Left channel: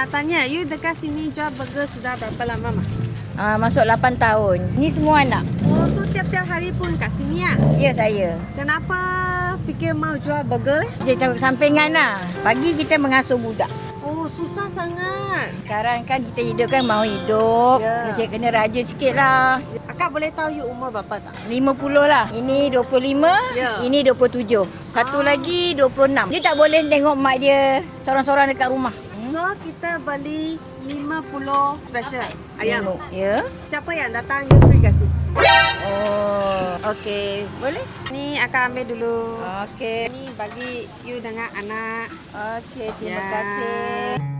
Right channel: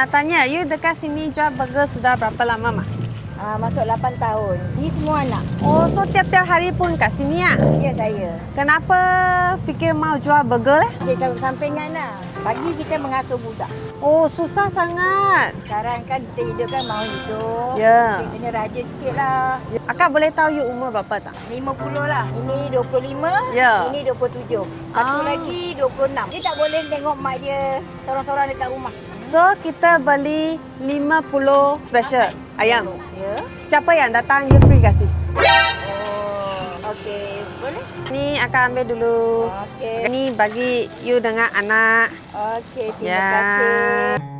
nak tanya, you dekat sini jual burger sudah berapa lama, Mak? Masuk 8 tahun. Ni semua anak. Oh, so tiap-tiap hari pun kat sini ya? Ya, saya. Kenapa fikir mau jual burger leh? Kita sampingan lah. Pagi kita mengasuh budak. Oh, susah sangat. Sekarang kan kita hidup kan mau hidup. Ya. Kita kena rajin sikit lah. Akak boleh tahu you umur berapa tak? 50 lah. Ini 25. Ya. Ini 27. Satu lagi 26. Dia tak boleh tengok mak dia sorang-sorang dekat rumah. So, kita beli 50 special ayam. Ya. Siapa yang datang, you free kasih. Oh, okey. Boleh? Ni akak ambil dulu. Okey. Ni bagi you dengan anak. Okey, terima Ya. kasih.